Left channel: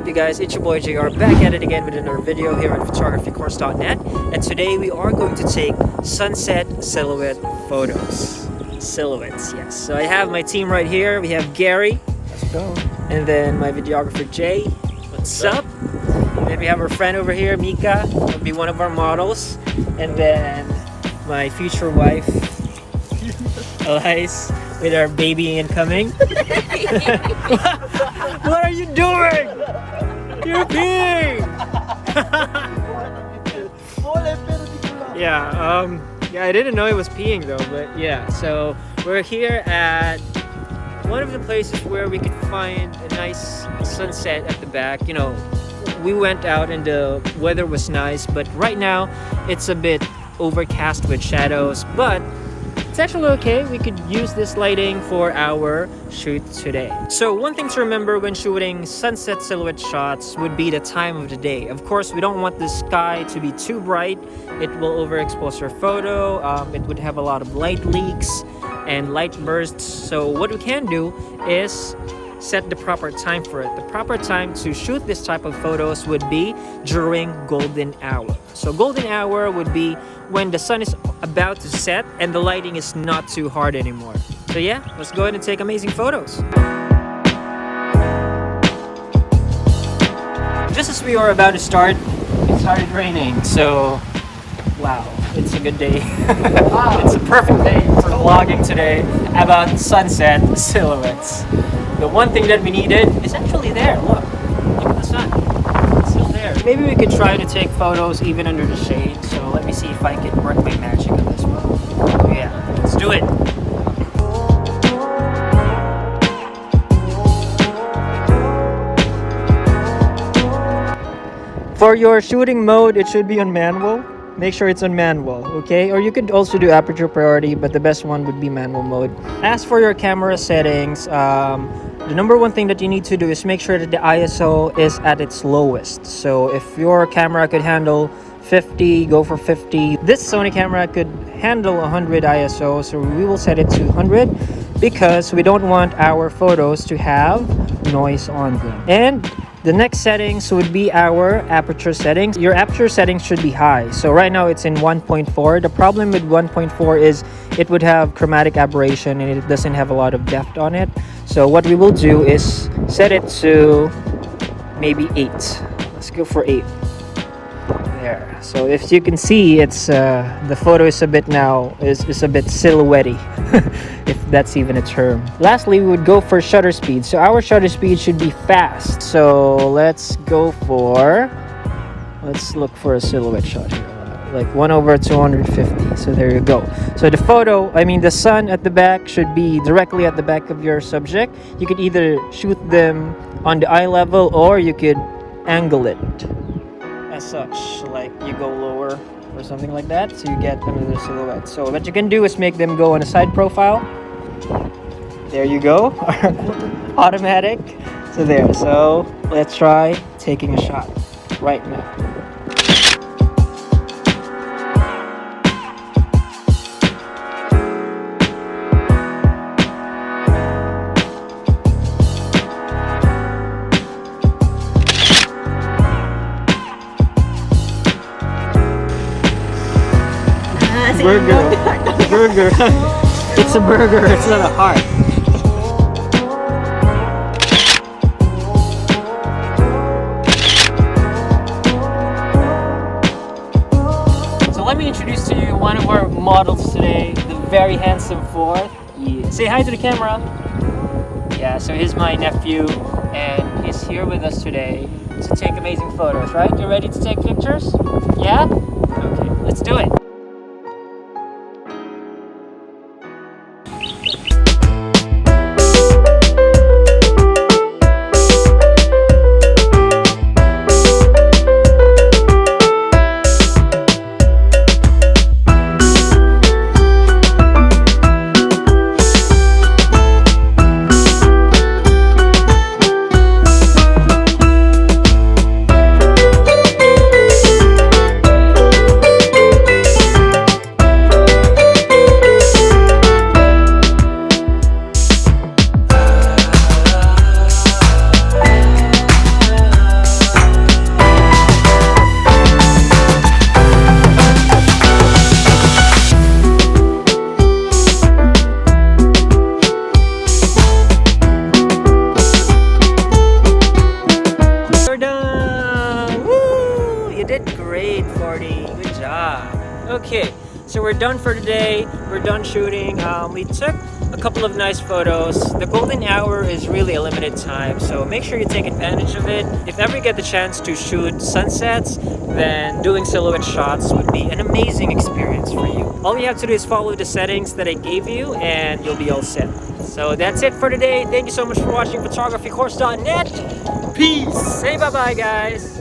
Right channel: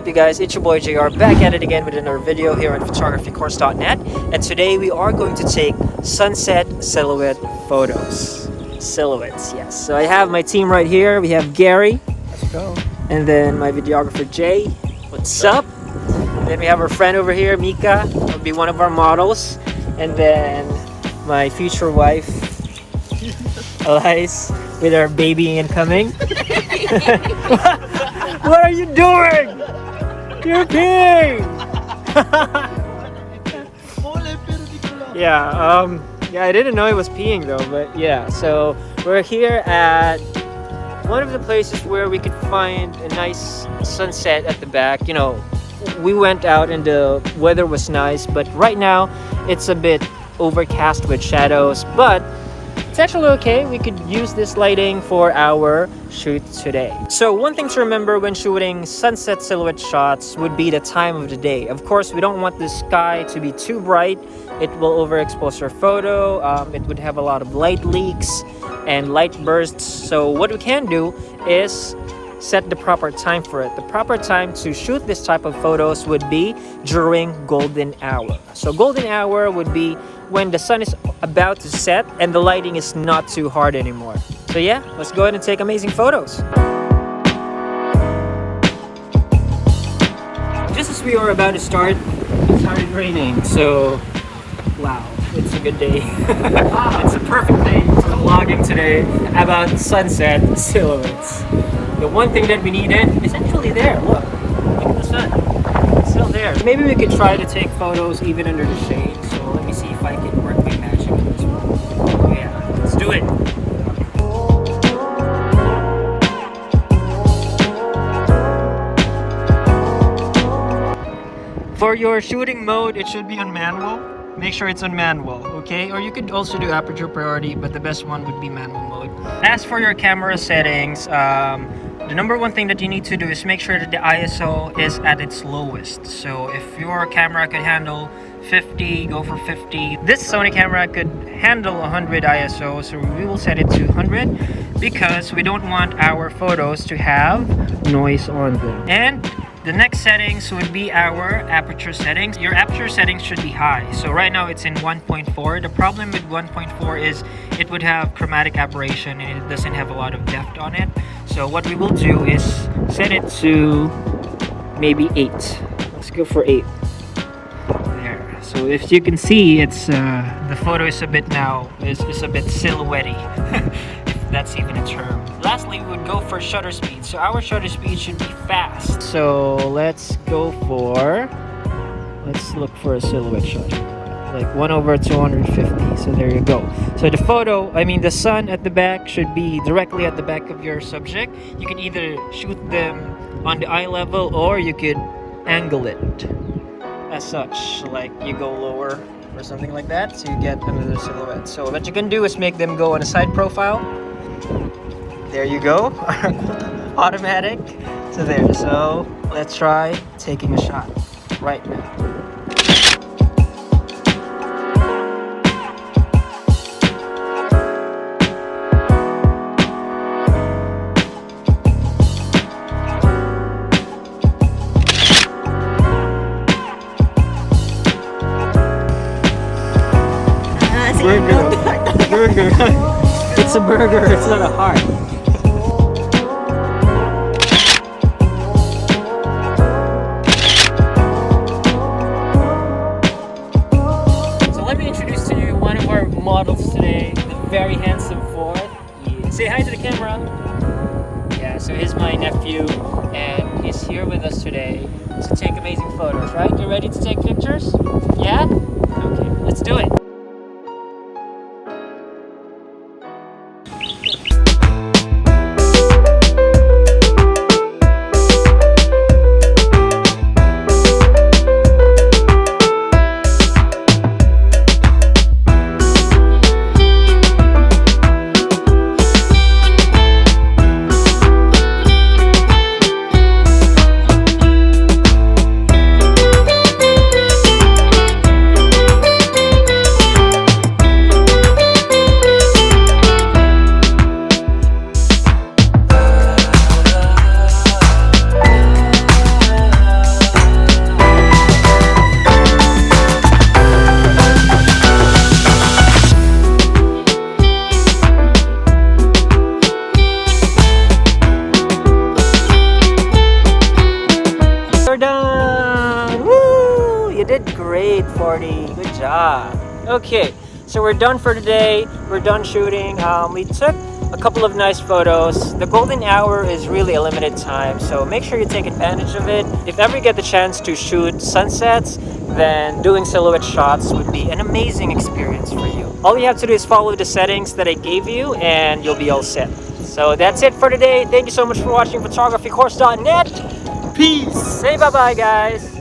up, you guys? It's your boy JR, back at it again with another video here on photographycourse.net, and today we are going to take sunset silhouette photos. Silhouettes, yes. So I have my team right here. We have Gary. Let's go. And then my videographer Jay. What's up? And then we have our friend over here, Mika. Will be one of our models. And then my future wife, Elias, with our baby incoming. What are you doing? You're kidding! Yeah, I didn't know it was peeing though, but yeah. So we're here at one of the places where we could find a nice sunset at the back. You know, we went out and the weather was nice, but right now it's a bit overcast with shadows, but it's actually okay. We could use this lighting for our shoot today. So one thing to remember when shooting sunset silhouette shots would be the time of the day. Of course, we don't want the sky to be too bright. It will overexpose our photo. It would have a lot of light leaks and light bursts. So what we can do is set the proper time for it. The proper time to shoot this type of photos would be during golden hour. So golden hour would be when the sun is about to set and the lighting is not too hard anymore. So yeah, let's go ahead and take amazing photos. Just as we were about to start, it started raining. So wow, it's a good day. It's a perfect day for vlogging today about sunset silhouettes. The one thing that we needed is actually there. Look at the sun. It's still there. Maybe we could try to take photos even under the shade. So let me see if I can work my magic on this one. Yeah, let's do it. For your shooting mode, it should be on manual. Make sure it's on manual, okay? Or you could also do aperture priority, but the best one would be manual mode. As for your camera settings, the number one thing that you need to do is make sure that the ISO is at its lowest. So if your camera could handle 50, go for 50. This Sony camera could handle 100 ISO, so we will set it to 100 because we don't want our photos to have noise on them. And the next settings would be our aperture settings. Your aperture settings should be high. So right now it's in 1.4. The problem with 1.4 is it would have chromatic aberration and it doesn't have a lot of depth on it. So what we will do is set it to maybe 8. Let's go for 8. There. So if you can see, it's the photo is a bit now is a bit silhouette-y. If that's even a term. Lastly, we would go for shutter speed. So our shutter speed should be fast. So let's look for a silhouette shot here. Like 1/250. So there you go. So the sun at the back should be directly at the back of your subject. You can either shoot them on the eye level or you could angle it as such, like you go lower or something like that, so you get another silhouette. So what you can do is make them go on a side profile. There you go. Automatic. So there. So let's try taking a shot right now. Burger. It's a burger, it's not a heart. So let me introduce to you one of our models today, the very handsome fourth. Yeah. Say hi to the camera. Yeah, so he's my nephew and he's here with us today to take amazing photos, right? You ready to take pictures? Yeah? Okay, let's do it. 8:40. Good job. Okay, so we're done for today. We're done shooting. We took a couple of nice photos. The golden hour is really a limited time, so make sure you take advantage of it. If ever you get the chance to shoot sunsets, then doing silhouette shots would be an amazing experience for you. All you have to do is follow the settings that I gave you and you'll be all set. So that's it for today. Thank you so much for watching photographycourse.net. Peace. Say bye-bye, guys.